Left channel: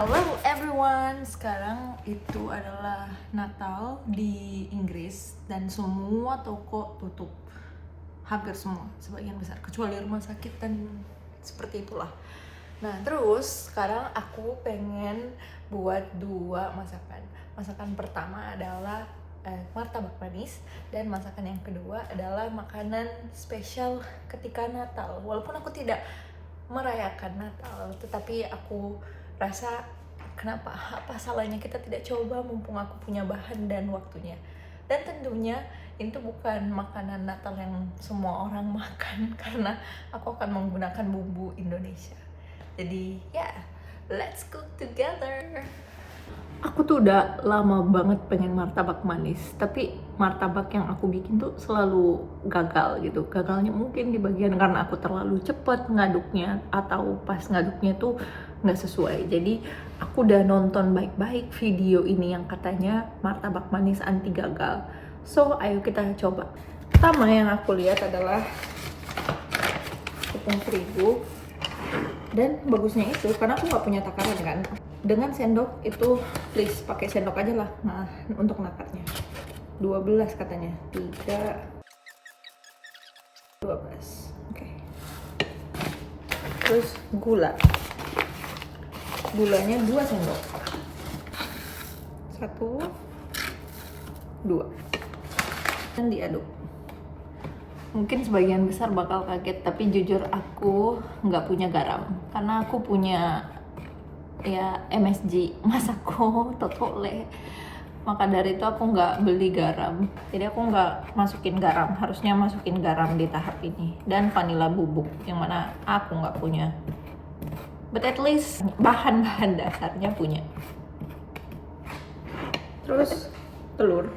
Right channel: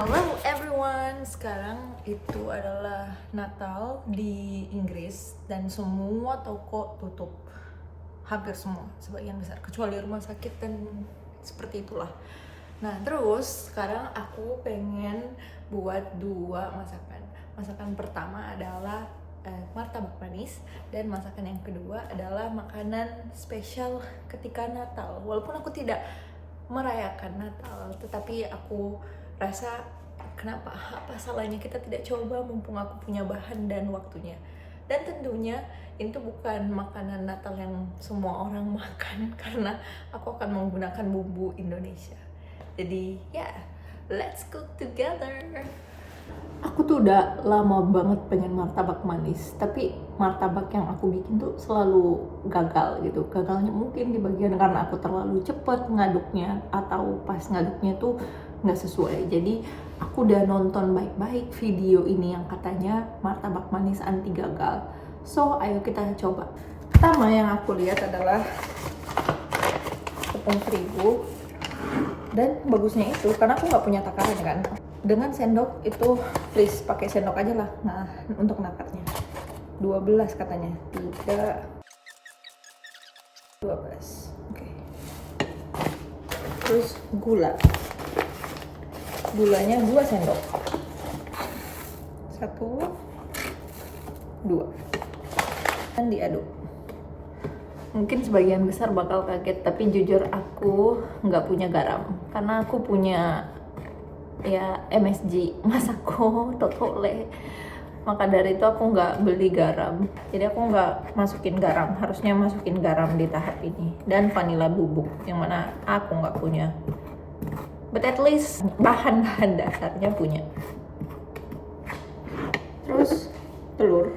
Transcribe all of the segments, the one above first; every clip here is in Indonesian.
Hello everyone, sekarang itu adalah Natal di Inggris dan semua toko tutup, hampir semua, sebagian besar, kecuali rumah sakit dan seperti itulah. Nah terus sekarang aku pengen buat dua masakan. Masakan pertama adalah martabak manis, dan masakan yang kedua adalah makanan spesial ketika Natal. Walaupun aku tidak merayakan Natal, tetapi aku rasa apa salahnya kita tidak coba mumpung aku punya bahan dan waktunya. Dan tentunya itu bukan makanan Natal yang semua orang makan karena aku akan menggunakan bumbu Indonesia. Jadi ya, let's cook together. Aku tuh udah lama banget pengen martabak manis, tapi martabak yang aku bikin tuh selalu gagal gitu. Gagalnya mungkin di bagian karena aku terlalu cepet ngaduknya, atau pas ngaduknya tuh nggak sesuai. Jadi aku udah nonton baik-baik video ini yang katanya martabak manis anti gagal. So ayo kita coba. Pertama yang aku lihat adalah tepung terigu. Dan bagusnya itu karena aku nggak punya takaran kan, dengan sendok itu please pakai sendok aja lah. Nah untuk nakarnya 12 katanya, 3 12. Oke. Terus gulanya 2 sendok, 1 2, dan diaduk. Mungkin sebagian besar bakal kaget, tapi jujur aku nggak punya garam karena aku punya ya MSG Masako Totole. Maka dari itu aku nggak beli garam, jadi aku nggak masukin garam. Harusnya masukin garam di tahap ini, dan vanila bubuk yang mana aku nggak punya, but at least bahan-bahan dasarnya punya. Terus telur,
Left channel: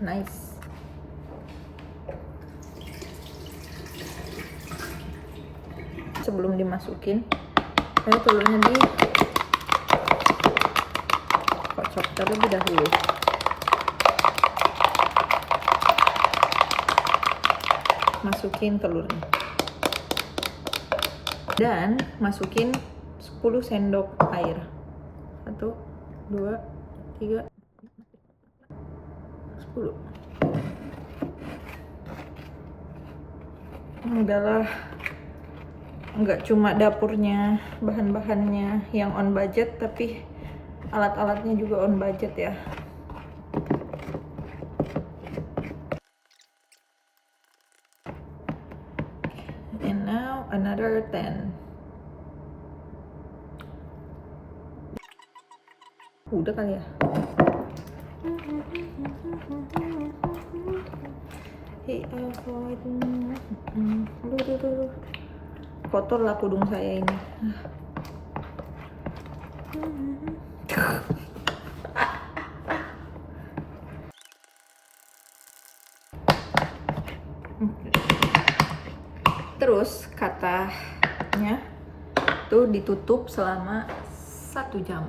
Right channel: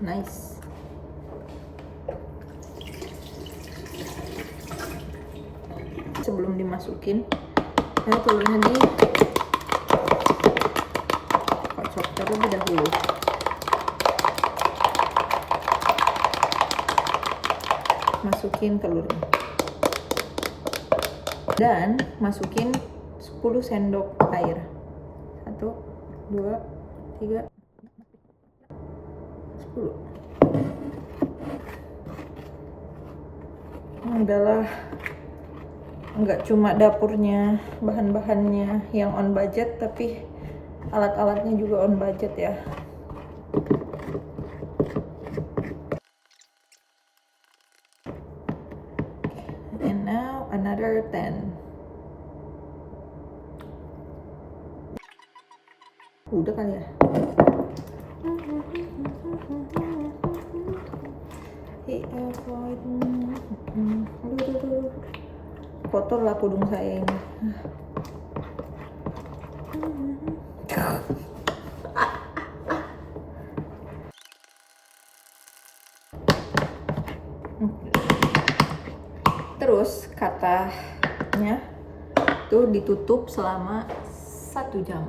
nice. Sebelum dimasukin, telurnya dikocok terlebih dahulu. Masukin telurnya dan masukin 10 sendok air. 1 2 3 10. Adalah nggak cuma dapurnya, bahan-bahannya yang on budget, tapi alat-alatnya juga on budget ya. And now another 10. Udah kali ya. Aduh. Kotor lah kudung saya ini. Terus katanya tuh ditutup selama 1 jam.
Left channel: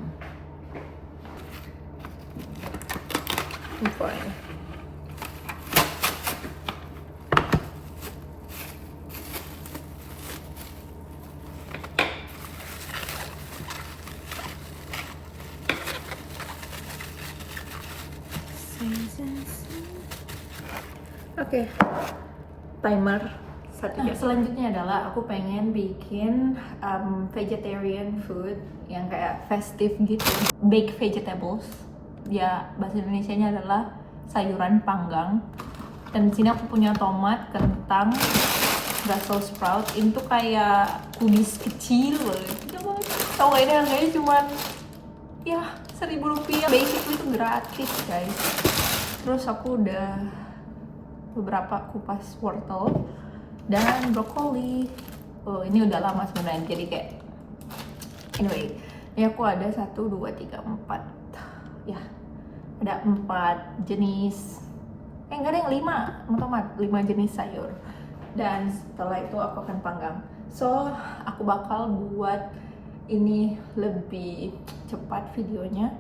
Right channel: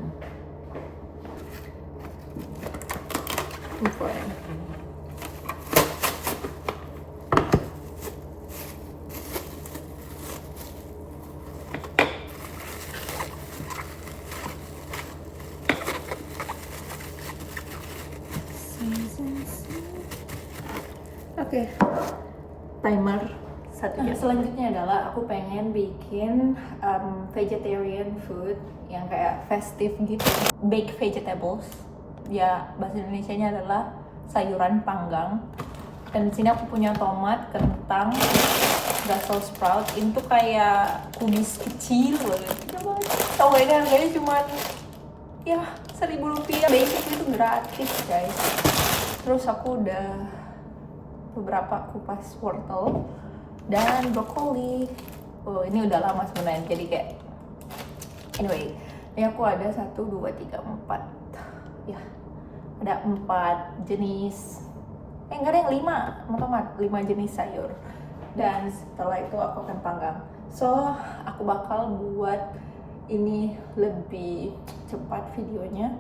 Oke, timer 1 jam. Selanjutnya adalah aku pengen bikin vegetarian food yang kayak festive gitu, baked vegetables. Ya bahasa Indonesianya adalah sayuran panggang. Dan di sini aku punya tomat, kentang, Brussels sprout. Itu kayak kubis kecil banget. Tau gak, ini harganya cuman ya 1.000 rupiah. Basic itu gratis guys. Terus aku udah beberapa kupas wortel dan brokoli. Oh ini udah lama sebenarnya, jadi kayak anyway. Ini aku ada 1 2 3 4 ya, ada 4 jenis, enggak ada yang 5 tomat, 5 jenis sayur. Dan setelah itu aku akan panggang. So aku bakal buat ini lebih cepat videonya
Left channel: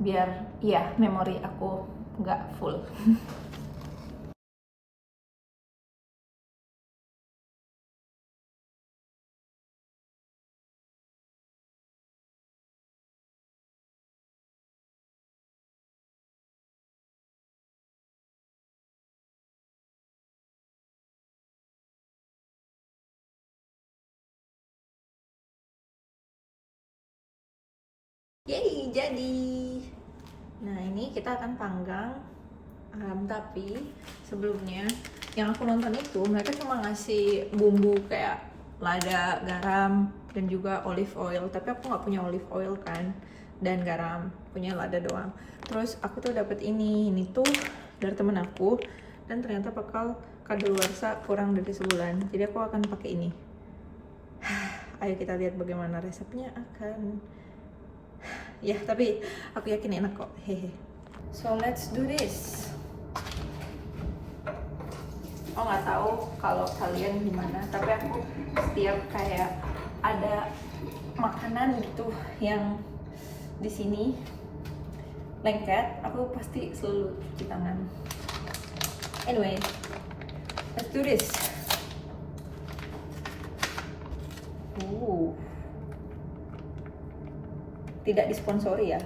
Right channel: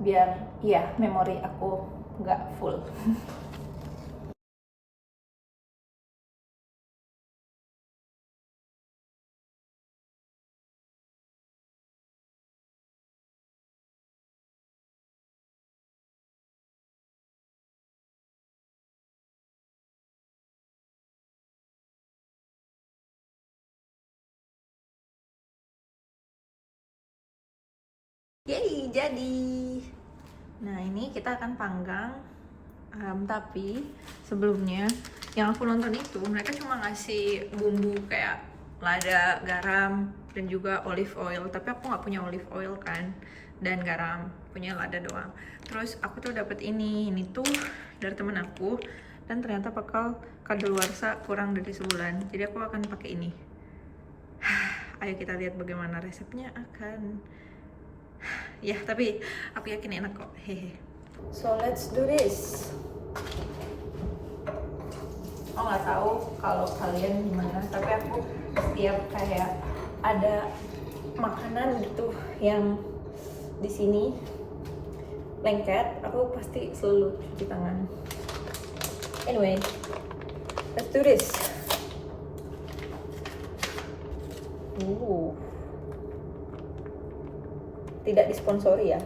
biar ya memori aku nggak full. Yeay, jadi. Nah, ini kita akan panggang. Tapi sebelumnya yang aku nonton itu mereka cuma ngasih bumbu kayak lada, garam, dan juga olive oil. Tapi aku nggak punya olive oil kan, dan garam, punya lada doang. Terus aku tuh dapat ini tuh dari temen aku, dan ternyata bakal kadaluarsa kurang dari sebulan. Jadi aku akan pakai ini. Ayo kita lihat bagaimana resepnya akan. Ya, tapi aku yakin enak kok. Hehe. So let's do this. Aku nggak tahu kalau kalian gimana, tapi aku setiap kayak ada makanan gitu yang di sini lengket, aku pasti selalu cuci tangan. Anyway, let's do this. Tidak disponsori ya.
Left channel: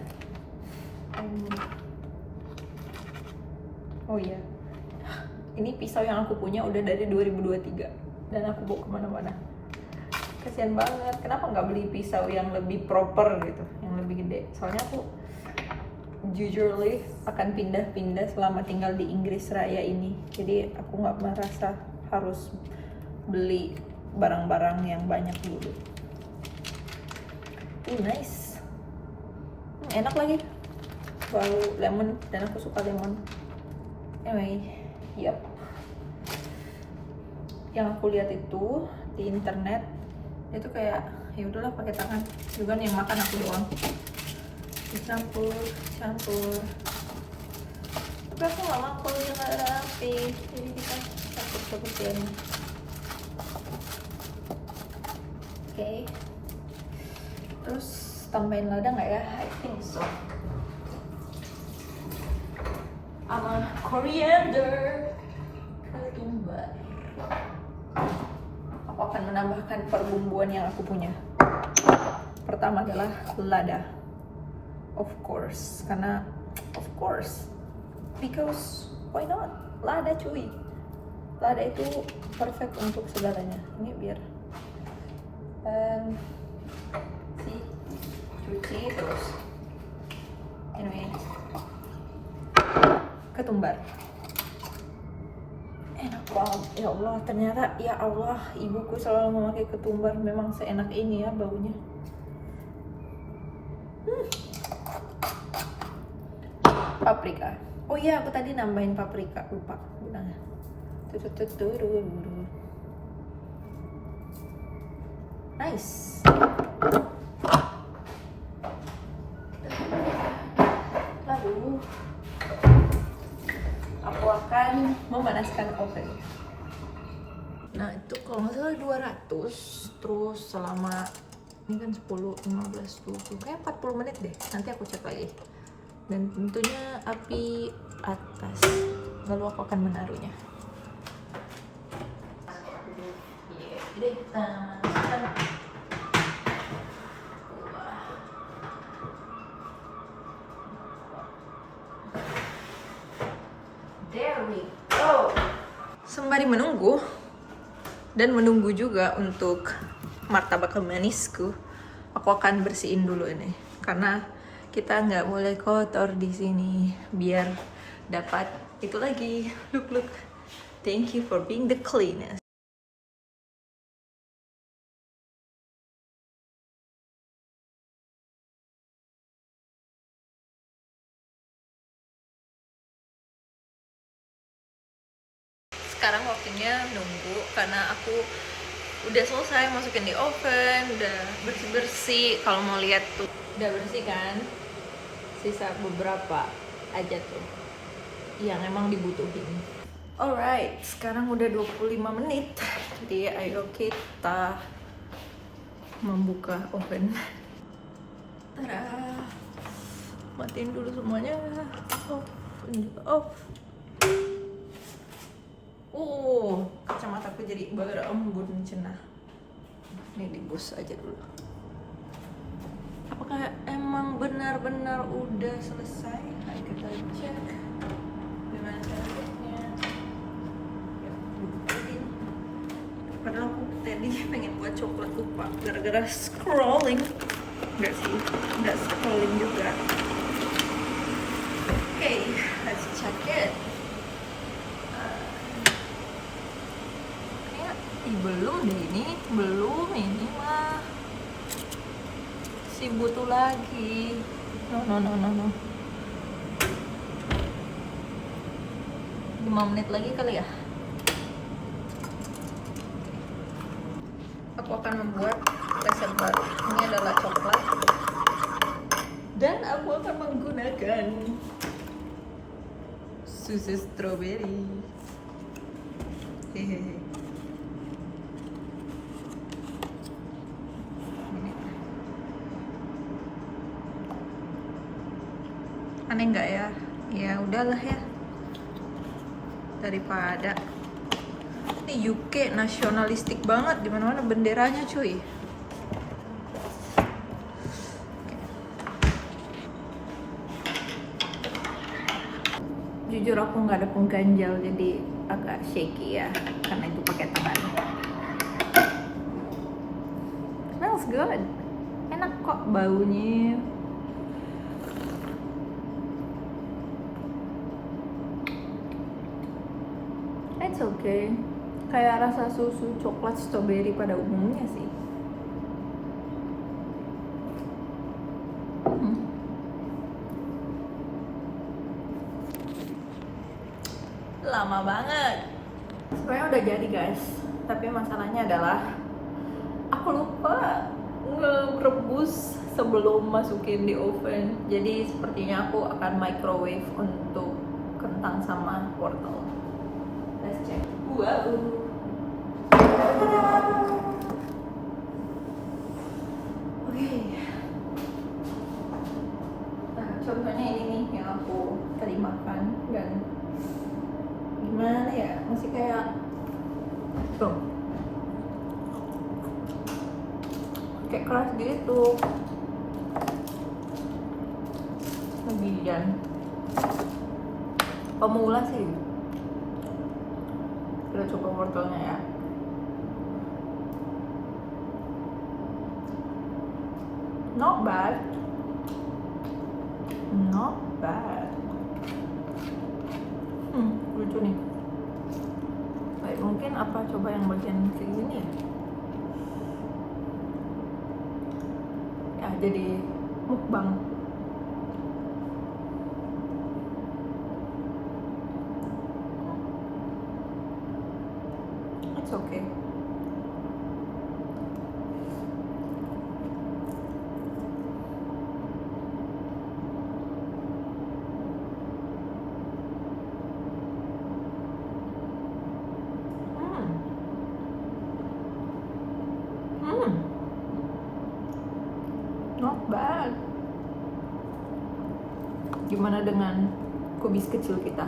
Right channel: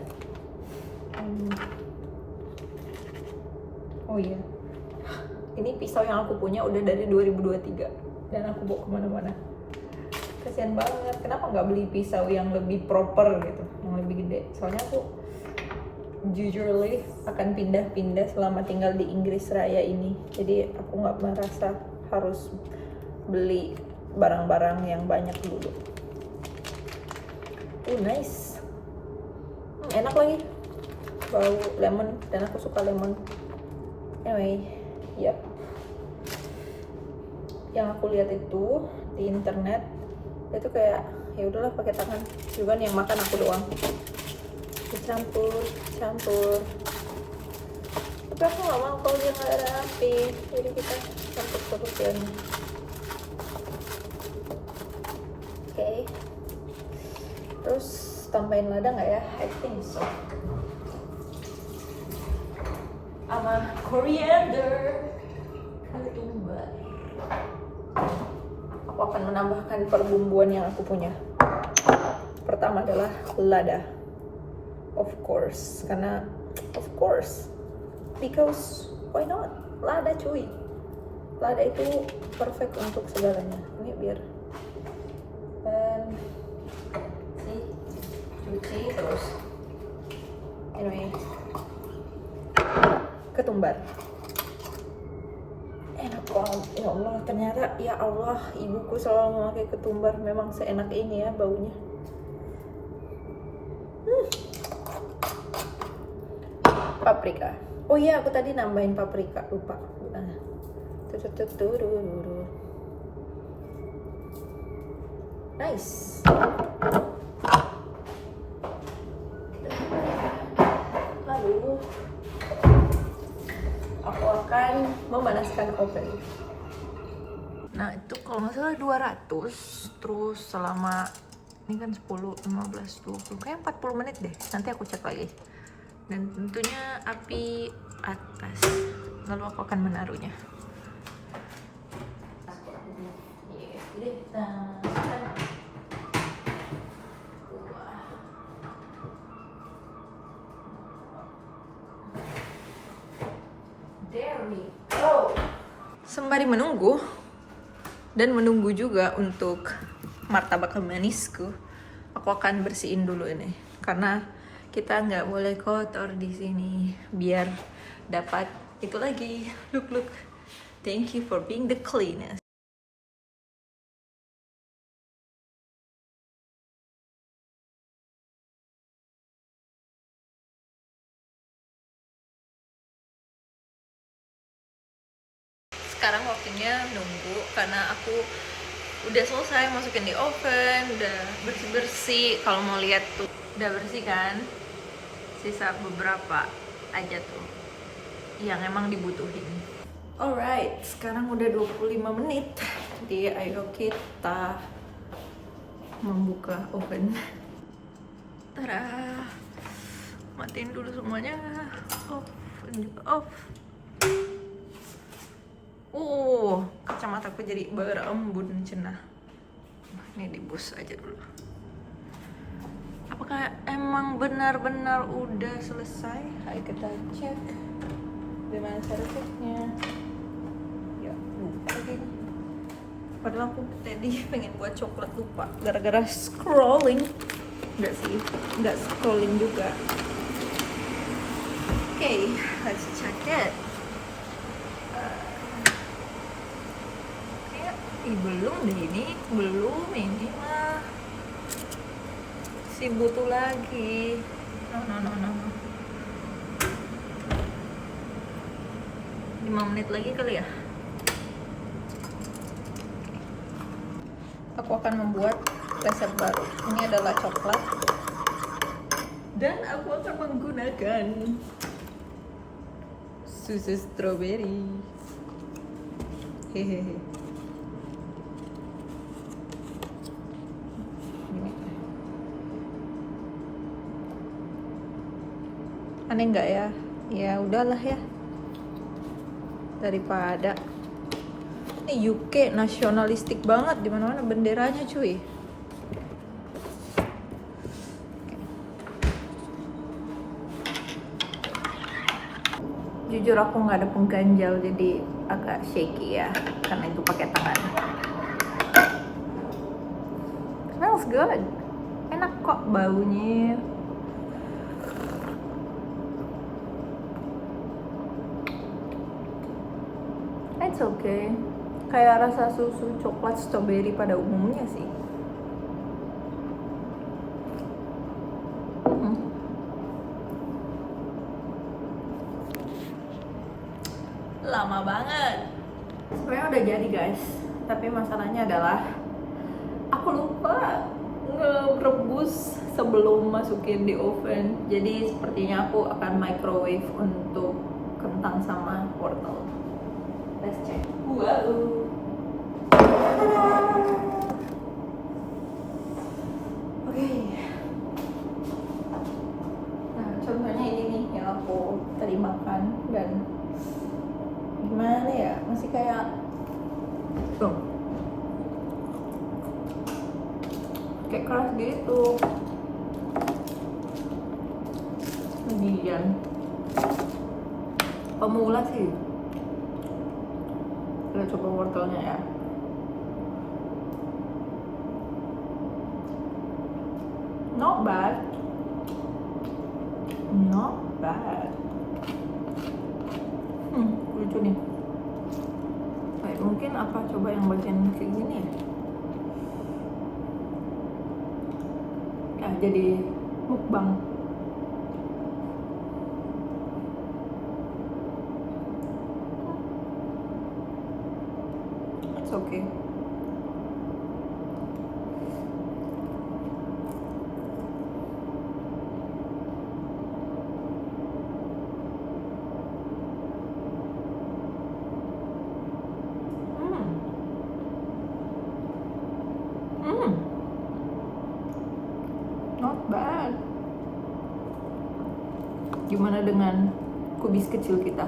Oh iya, ini pisau yang aku punya udah dari 2023 dan aku bawa kemana-mana. Kasian banget, kenapa nggak beli pisau yang lebih proper gitu, yang lebih gede? Soalnya aku jujurly akan pindah-pindah selama tinggal di Inggris Raya ini, jadi aku nggak merasa harus beli barang-barang yang banyak dulu. Nice, enak lagi, bau lemon dan aku suka lemon. Anyway, yep. Yang aku lihat itu di internet itu kayak ya udahlah pakai tangan, juga yang makan aku doang. Dicampur, campur. Tapi aku nggak mau kalau dia nggak ada rapi, jadi kita campur seperti ini. Oke. Terus tambahin lada nggak ya? I think so. Sama coriander, ketumbar. Aku akan menambahkan perbumbuan yang aku punya. Pertama adalah lada, of course, karena of course, because why not? Lada cuy, lada itu perfect untuk segalanya. Ini biar cuci terus. Anyway, ketumbar enak banget. Ya Allah, ternyata ya Allah, ibuku selalu memakai ketumbar, memang seenak ini ya baunya. Paprika, oh iya aku tadi nambahin paprika, lupa. Nah, nice. Lalu aku akan memanaskan oven. Nah, itu kalau nggak salah 200, terus selama ini kan 10, 15, 20, kayak 40 menit deh. Nanti aku cek lagi. Dan tentunya api atas. Lalu aku akan menaruhnya. Jadi kita masukkan. There we go. Sembari menunggu dan menunggu juga untuk martabak manisku, aku akan bersihin dulu ini karena kita nggak boleh kotor di sini biar dapat itu lagi. Look, thank you for being the cleanest. Sekarang waktunya nunggu karena aku udah selesai masukin di oven, udah bersih-bersih. Kalau mau lihat tuh udah bersih kan, sisa beberapa aja tuh yang emang dibutuhin. Alright, sekarang udah 25 menit, jadi ayo kita membuka oven. Tada, matiin dulu semuanya. Off, ini off. Kacamataku jadi berembun cenah. Ini dibus aja dulu. Apakah emang benar-benar udah selesai? Ayo kita cek dengan servisnya. Padahal aku tadi pengen buat coklat, lupa gara-gara scrolling. Enggak sih, enggak scrolling juga. Okay, let's check it. Belum deh ini mah si butuh lagi. No. 5 menit lagi kali ya. Aku akan membuat resep baru. Ini adalah coklat dan aku akan menggunakan susu strawberry. Hehehe. Aneh nggak ya? Ya udahlah ya. Daripada ini UK nasionalistik banget, di mana-mana benderanya cuy. Jujur aku nggak ada pengganjal, jadi agak shaky ya, karena itu pakai tangan. Smells good, enak kok baunya. It's okay, kayak rasa susu coklat strawberry pada umumnya sih. Lama banget. Sebenarnya udah jadi guys, tapi masalahnya adalah aku lupa ngerebus sebelum masukin di oven. Jadi sepertinya aku akan microwave untuk kentang sama wortel. Let's check. Wow. Oke. Nah, contohnya ini nih yang aku tadi makan dan gimana ya, masih kayak tuh kayak keras gitu. Lagian pemula sih. Kita coba wortelnya ya. Not bad. Lucu nih. Baik, mungkin apa coba yang bagian kayak gini ya? Ya jadi mukbang. It's okay. Not bad. Gimana dengan kubis kecil kita?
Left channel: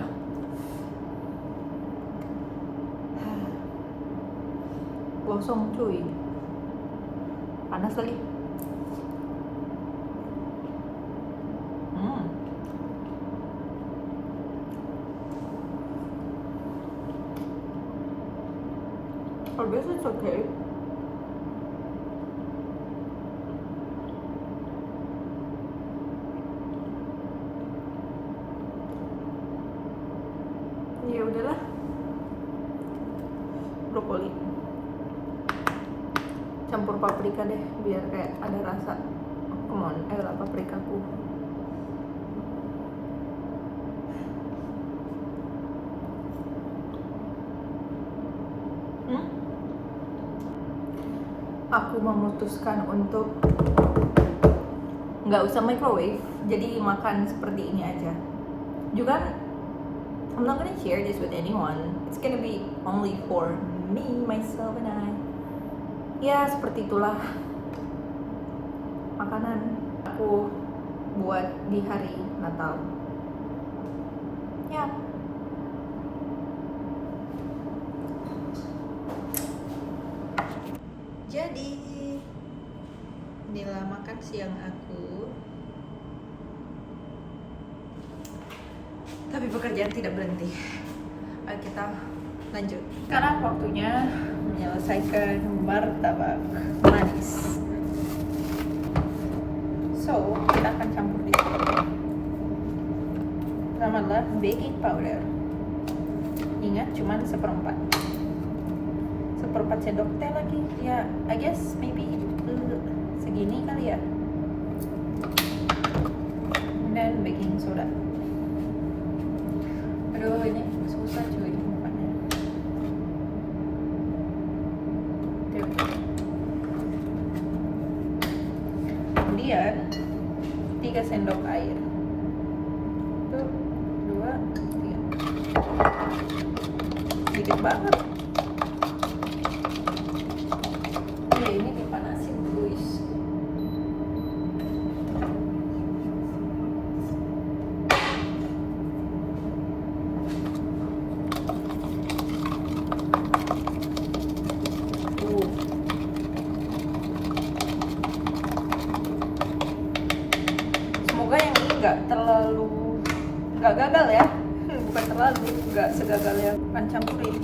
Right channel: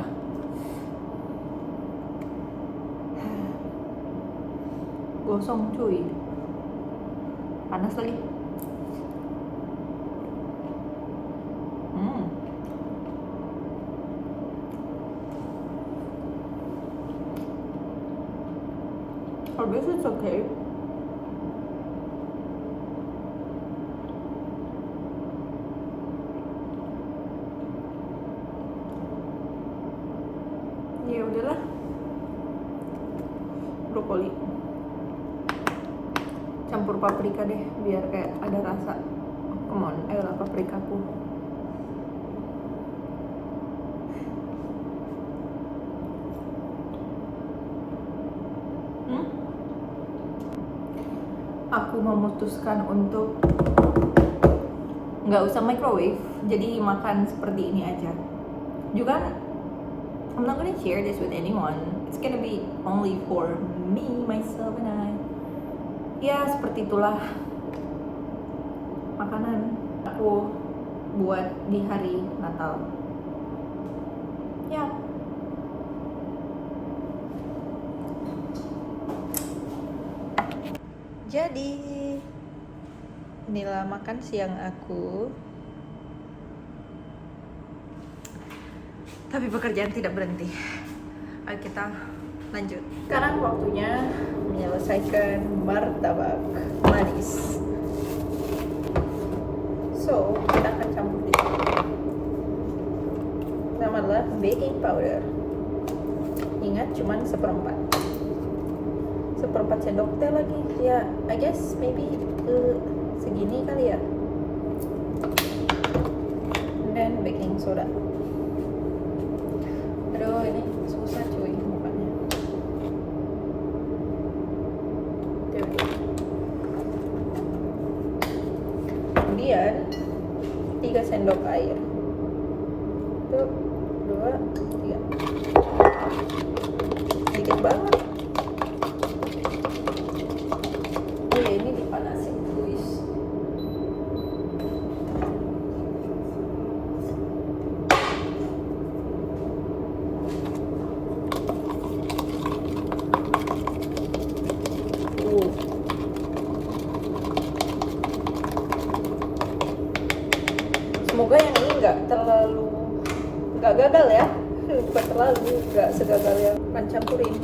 Gosong cuy. Panas lagi. I guess it's okay. Ya udahlah, brokoli campur paprika deh biar kayak ada rasa. Oh, come on, ayolah paprikaku. Aku memutuskan untuk nggak usah microwave, jadi makan seperti ini aja. Juga I'm not gonna share this with anyone. It's gonna be only for me, myself, and I. Ya, seperti itulah makanan aku buat di hari Natal. Ya. Jadi, inilah makan siang aku. Tapi pekerjaan tidak berhenti. Ayo kita lanjut. Sekarang waktunya menyelesaikan martabak manis. So kita akan campur di sini. Pertama adalah baking powder. Ingat cuman seperempat sendok teh lagi ya, I guess maybe segini kali ya. Dan baking soda. Aduh ini susah cuy mukanya. There we go. Kemudian 3 sendok air. 1, 2, 3. Sedikit banget. Oh ya, ini dipanasin guys. Semoga yang ini nggak gagal ya. Bukan terlalu, nggak segagal yang kan campurin.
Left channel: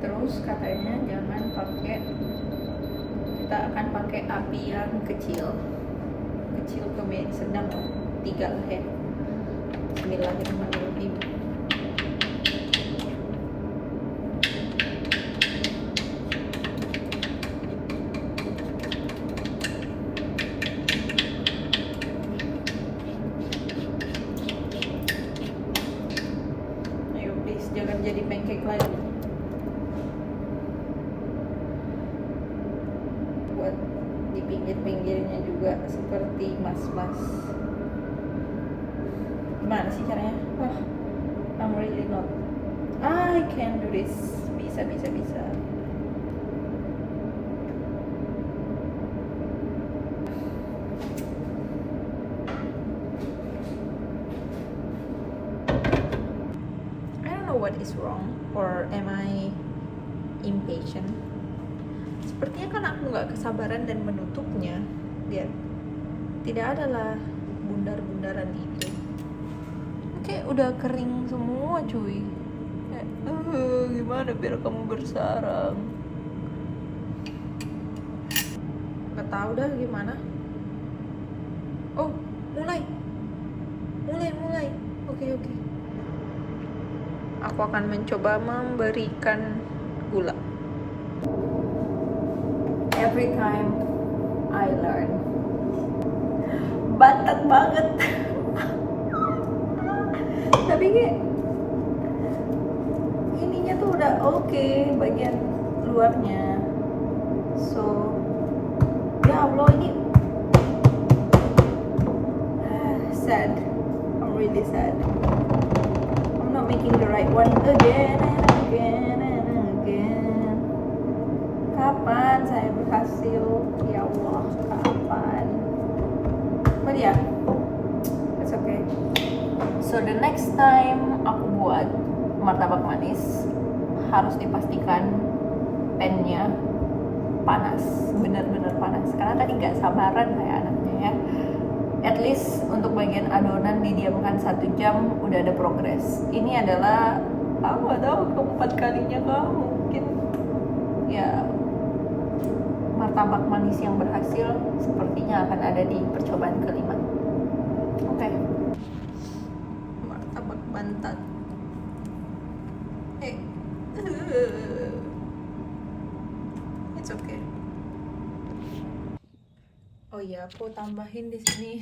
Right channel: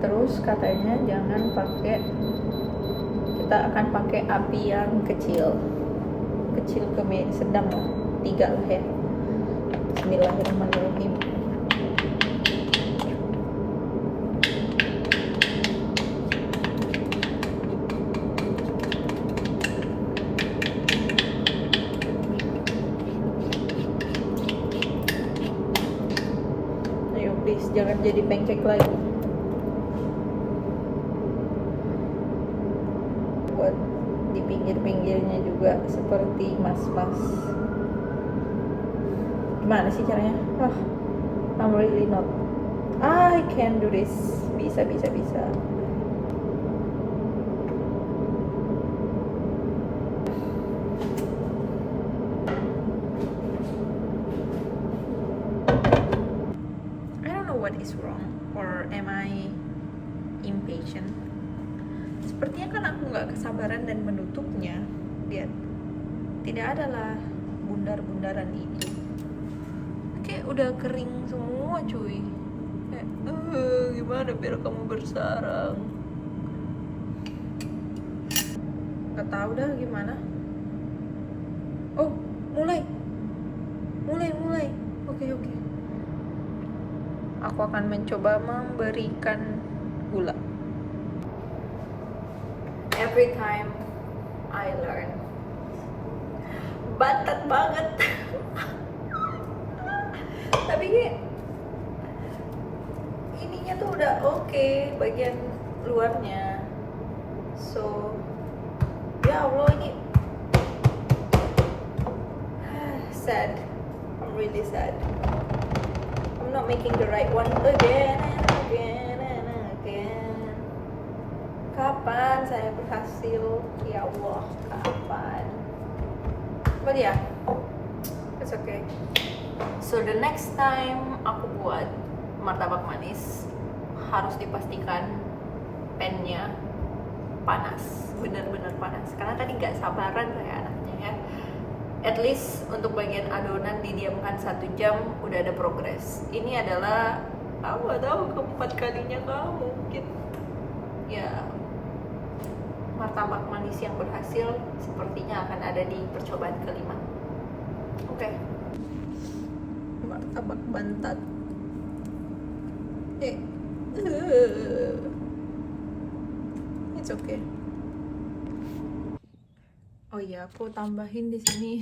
Terus katanya jangan pakai, kita akan pakai api yang kecil ke sedang lah, 3 lah ya. Bismillahirrahmanirrahim. Ayo please jangan jadi pancake lagi. Buat di pinggir-pinggirnya juga seperti mas-mas. Gimana sih caranya? I'm really not. I can do this. Bisa. I don't know what is wrong, or am I impatient? Sepertinya kan aku nggak kesabaran dan menutupnya. Lihat, tidak adalah bundar-bundaran ini. Kayak udah kering semua cuy. Kayak, gimana biar kamu bersarang? Gak tahu dah gimana. Oh, mulai. Oke. Aku akan mencoba memberikan gula. Every time I learn. Bantat banget. Tapi kayak ininya tuh udah oke, bagian luarnya. So ya Allah, ini sad. I'm really sad. I'm not making the right one again and again. Kapan saya berhasil? Ya Allah, kapan? But yeah, it's okay. So the next time aku buat martabak manis, harus dipastikan pannya panas, benar-benar panas. Karena tadi gak sabaran kayak anaknya ya. At least untuk bagian adonan didiamkan 1 jam udah ada progres. Ini adalah aku gak tahu keempat kalinya kah mungkin. Ya, martabak manis yang berhasil sepertinya akan ada di percobaan kelima. Oke. Martabak bantat. It's okay. Oh iya, aku tambahin di sini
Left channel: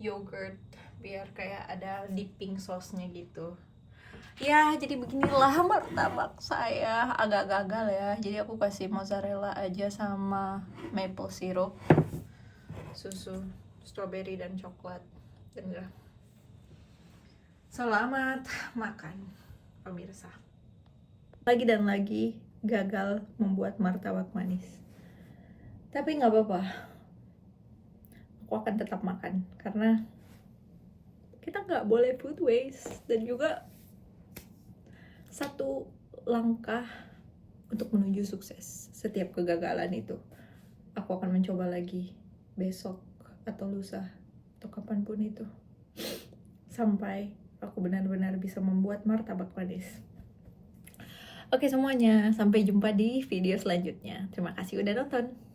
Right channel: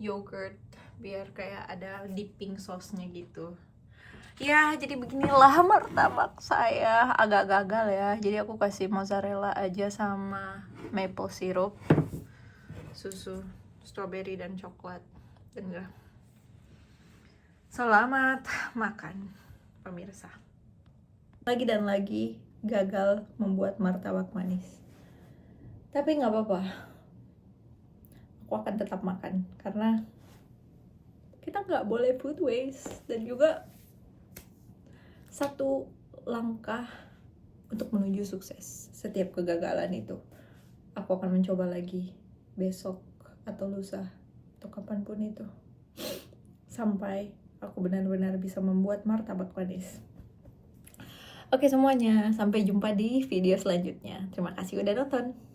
yogurt biar kayak ada dipping sauce-nya gitu. Ya, jadi beginilah martabak saya. Agak gagal ya. Jadi aku kasih mozzarella aja sama maple syrup, susu, strawberry dan coklat. Dan udah. Selamat makan, pemirsa. Lagi dan lagi gagal membuat martabak manis. Tapi nggak apa-apa. Aku akan tetap makan karena kita nggak boleh food waste, dan juga 1 langkah untuk menuju sukses. Setiap kegagalan itu aku akan mencoba lagi besok atau lusa atau kapanpun itu, sampai aku benar-benar bisa membuat martabak manis. Oke semuanya, sampai jumpa di video selanjutnya. Terima kasih udah nonton.